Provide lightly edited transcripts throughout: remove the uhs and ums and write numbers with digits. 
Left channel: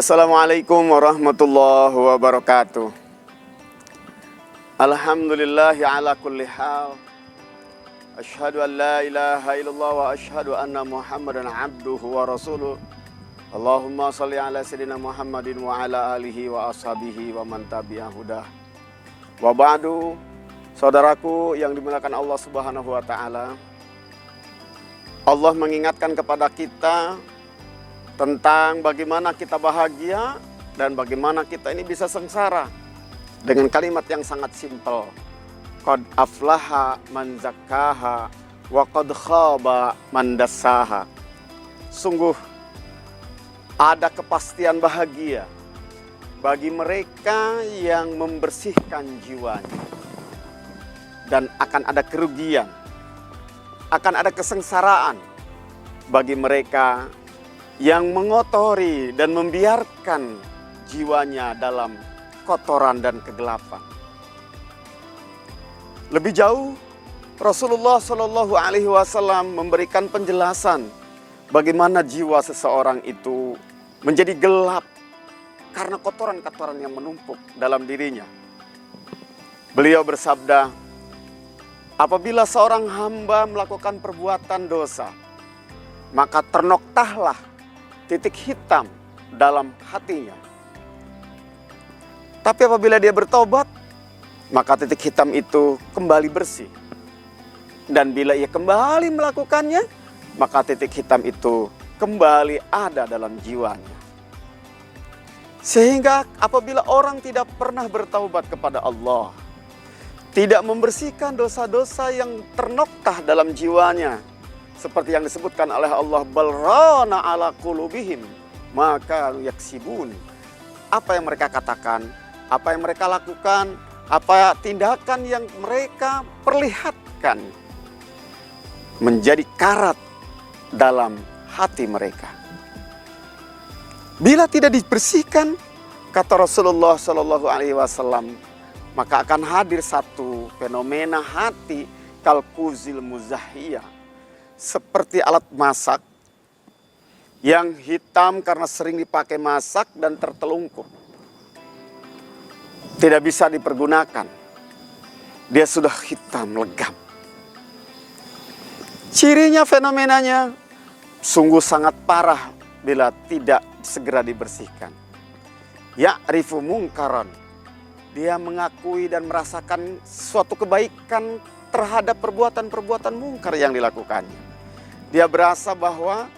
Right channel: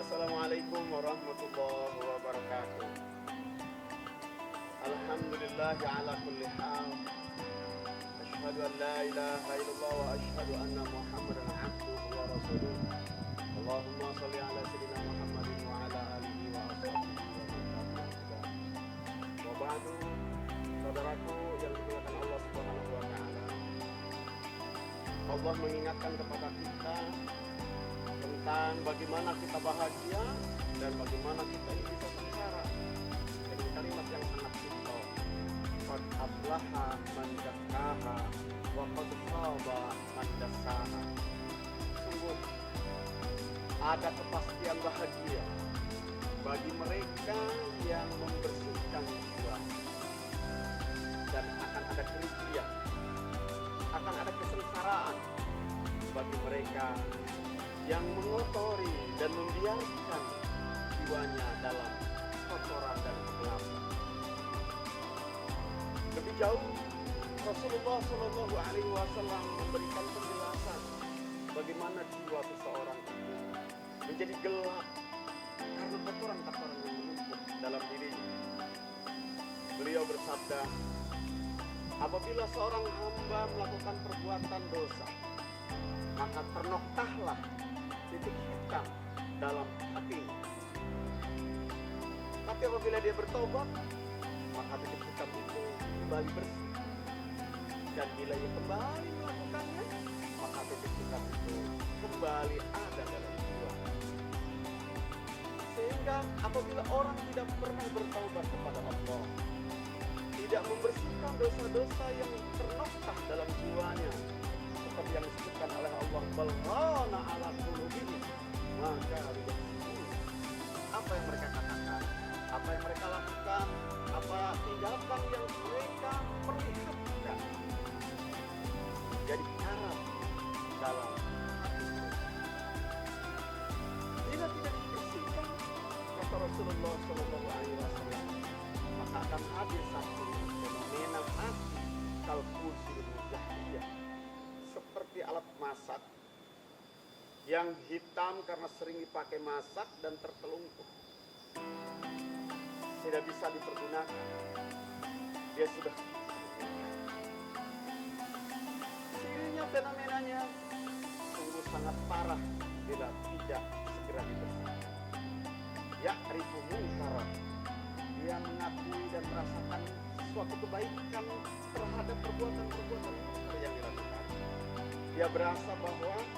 Assalamualaikum warahmatullahi wabarakatuh. Alhamdulillahi ala kulli hal. Asyhadu an la ilaha illallah wa asyhadu anna Muhammadan abduhu wa rasuluh. Allahumma salli ala sayyidina Muhammadin wa ala alihi wa ashabihi wa man tabi'ahu hudah. Wa ba'du, saudaraku yang dimuliakan Allah Subhanahu wa taala. Allah mengingatkan kepada kita tentang bagaimana kita bahagia dan bagaimana kita ini bisa sengsara dengan kalimat yang sangat simpel. Qad aflaha man zakkaha wa qad khaba man dassaha. Sungguh ada kepastian bahagia bagi mereka yang membersihkan jiwanya, dan akan ada kerugian, akan ada kesengsaraan bagi mereka yang mengotori dan membiarkan jiwanya dalam kotoran dan kegelapan. Lebih jauh, Rasulullah Shallallahu Alaihi Wasallam memberikan penjelasan bagaimana jiwa seseorang itu menjadi gelap karena kotoran-kotoran yang menumpuk dalam dirinya. Beliau bersabda, apabila seorang hamba melakukan perbuatan dosa, maka ternoktahlah titik hitam dalam hatinya. Tapi apabila dia bertobat, maka titik hitam itu kembali bersih. Dan bila ia kembali melakukannya, maka titik hitam itu kembali ada dalam jiwanya. Sehingga apabila orang tidak pernah bertaubat kepada Allah, tidak membersihkan dosa-dosa yang ternoktah dalam jiwanya, seperti yang disebutkan oleh Allah, balrana ala qulubihim maka yaksibun. Apa yang mereka katakan, apa yang mereka lakukan, apa tindakan yang mereka perlihatkan menjadi karat dalam hati mereka. Bila tidak dibersihkan, kata Rasulullah Shallallahu Alaihi Wasallam, maka akan hadir satu fenomena hati kalkuzil muzahiyah, seperti alat masak yang hitam karena sering dipakai masak dan tertelungkup. Tidak bisa dipergunakan. Dia sudah hitam legam. Cirinya, fenomenanya sungguh sangat parah bila tidak segera dibersihkan. Ya'rifu mungkaran. Dia mengakui dan merasakan suatu kebaikan terhadap perbuatan-perbuatan mungkar yang dilakukannya. Dia berasa bahwa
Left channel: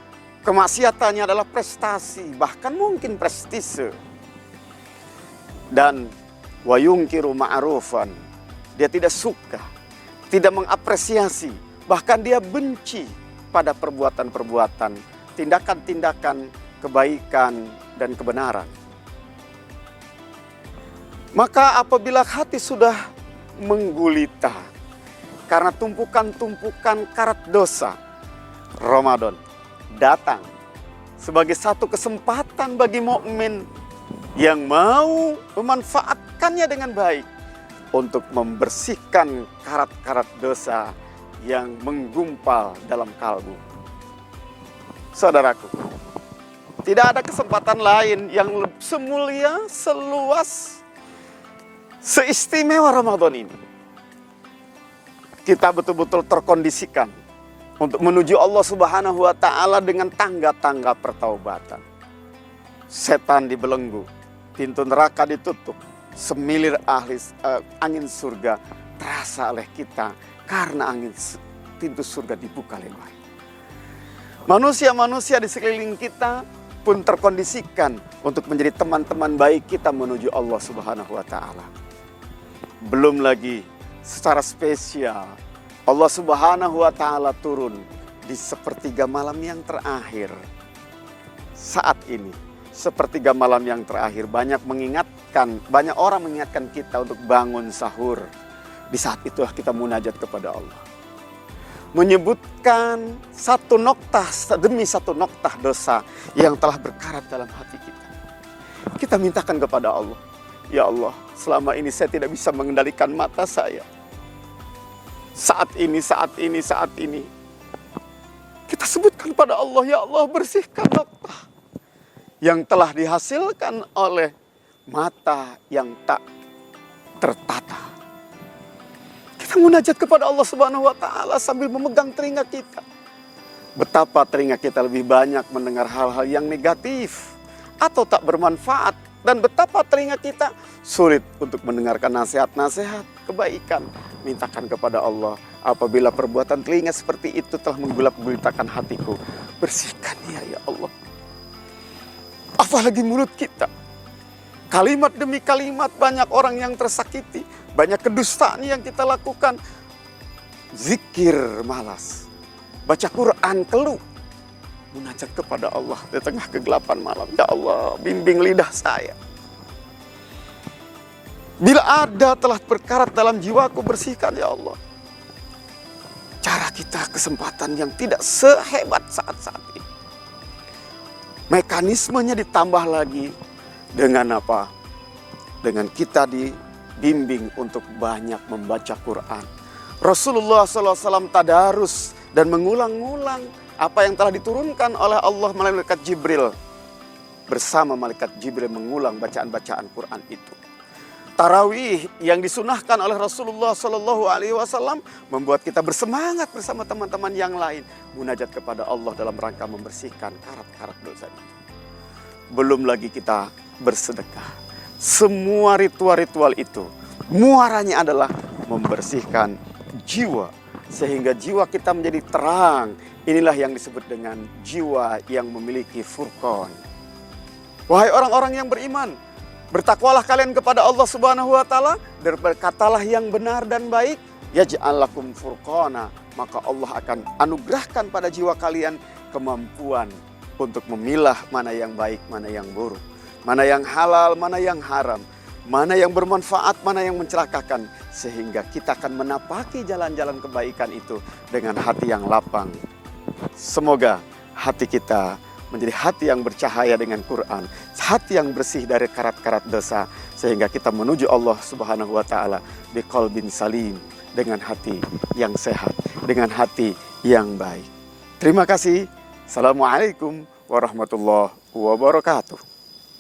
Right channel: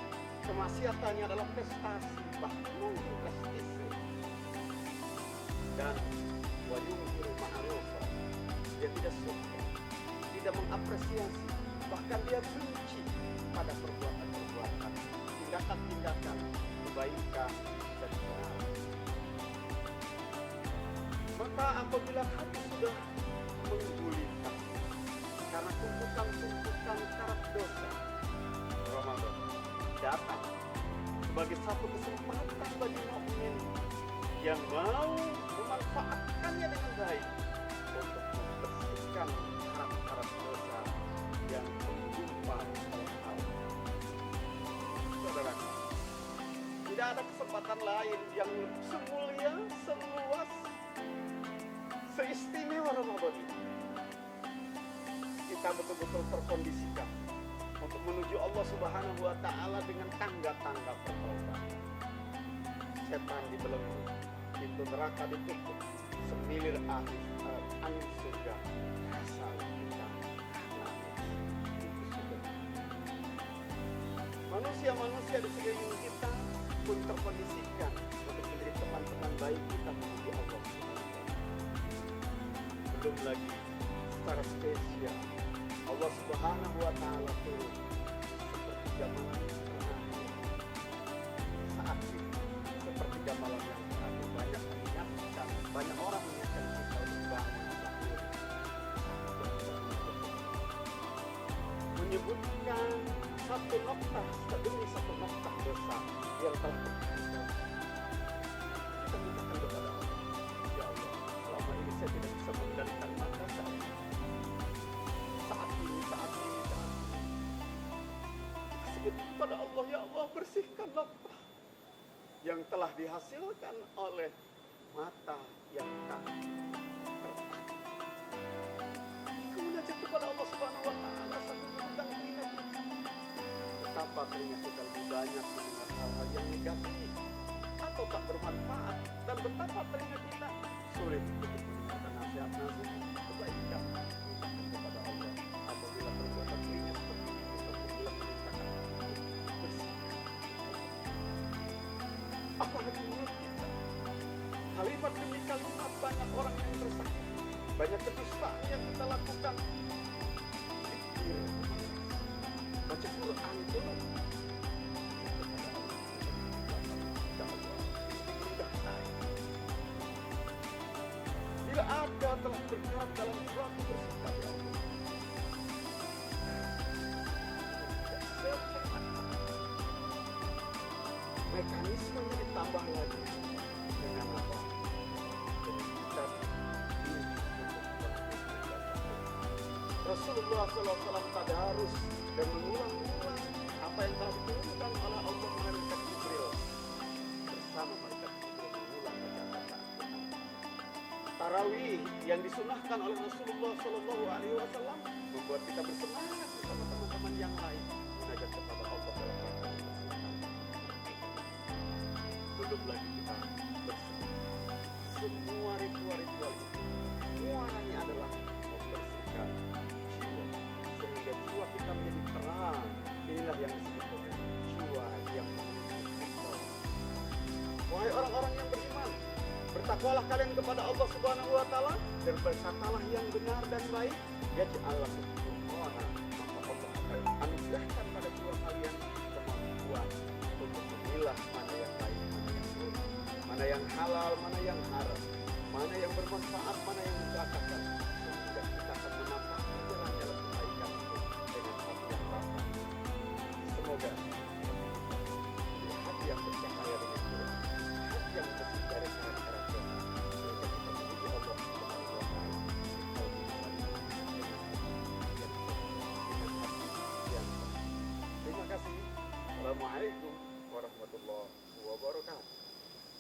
kemaksiatannya adalah prestasi, bahkan mungkin prestise. Dan wa yungkiru ma'rufan. Dia tidak suka, tidak mengapresiasi, bahkan dia benci pada perbuatan-perbuatan, tindakan-tindakan kebaikan dan kebenaran. Maka apabila hati sudah menggulita karena tumpukan-tumpukan karat dosa, Ramadan datang sebagai satu kesempatan bagi mukmin yang mau memanfaatkannya dengan baik untuk membersihkan karat-karat dosa yang menggumpal dalam kalbu. Saudaraku, tidak ada kesempatan lain yang semulia, seluas, seistimewa Ramadan ini. Kita betul-betul terkondisikan untuk menuju Allah Subhanahu wa taala dengan tangga-tangga pertaubatan. Setan dibelenggu, pintu neraka ditutup, semilir angin surga terasa oleh kita karena pintu surga dibuka lebar. Manusia-manusia di sekeliling kita pun terkondisikan untuk menjadi teman-teman baik kita menuju Allah Subhanahu wa taala. Belum lagi secara spesial Allah Subhanahu wa taala turun di sepertiga malam yang terakhir. Saat ini, sepertiga malam yang terakhir, banyak orang mengingatkan kita untuk bangun sahur. Di saat itulah kita munajat kepada Allah. Menyebutkan satu noktah demi satu noktah dosa yang telah berkarat dalam hati kita. Kita mintakan kepada Allah, ya Allah, selama ini saya tidak bisa mengendalikan mata saya. Saat ini kita sebutkan pada Allah, ya Allah, bersihkan noktah yang telah dihasilkan oleh mata yang tak tertata. Kita munajat kepada Allah Subhanahu wa taala sambil memegang telinga kita. Betapa telinga kita lebih banyak mendengar hal-hal yang negatif atau tak bermanfaat, dan betapa telinga kita sulit untuk mendengarkan nasihat-nasihat kebaikan. Mintakan kepada Allah, apabila perbuatan telinga seperti itu telah menggulap-gulitakan hatiku, bersihkan ya Allah. Apalagi mulut kita. Kalimat demi kalimat banyak orang yang tersakiti. Banyak kedustaan yang kita lakukan. Zikir malas. Baca Quran keluh. Munajat kepada Allah di tengah kegelapan malam. Ya Allah, bimbing lidah saya. Bila ada telah berkarat dalam jiwaku, bersihkan ya Allah. Cara kita kesempatan yang tidak sehebat saat-saat ini. Mekanismenya ditambah lagi dengan apa? Dengan kita dibimbing untuk banyak membaca Quran. Rasulullah SAW tadarus dan mengulang-ulang apa yang telah diturunkan oleh Allah melalui malaikat Jibril. Bersama malaikat Jibril mengulang bacaan-bacaan Quran itu. Tarawih yang disunahkan oleh Rasulullah SAW membuat kita bersemangat bersama teman-teman yang lain. Munajat kepada Allah dalam rangka membersihkan karat-karat dosa itu. Belum lagi kita bersedekah. Semua ritual-ritual itu muaranya adalah membersihkan jiwa. Sehingga jiwa kita menjadi terang. Inilah yang disebut dengan jiwa yang memiliki furqan. Wahai orang-orang yang beriman, bertakwalah kalian kepada Allah Subhanahu wa taala dan berkatalah yang benar dan baik, yaj'al lakum furqana, maka Allah akan anugerahkan pada jiwa kalian kemampuan untuk memilah mana yang baik, mana yang buruk, mana yang halal, mana yang haram, mana yang bermanfaat, mana yang mencelakakan, sehingga kita akan menapaki jalan-jalan kebaikan itu dengan hati yang lapang. Semoga hati kita menjadi hati yang bercahaya dengan Quran, hati yang bersih dari karat-karat dosa, sehingga kita menuju Allah Subhanahu wa taala biqalbin salim, dengan hati yang sehat, dengan hati yang baik. Terima kasih. Assalamualaikum warahmatullahi wabarakatuh.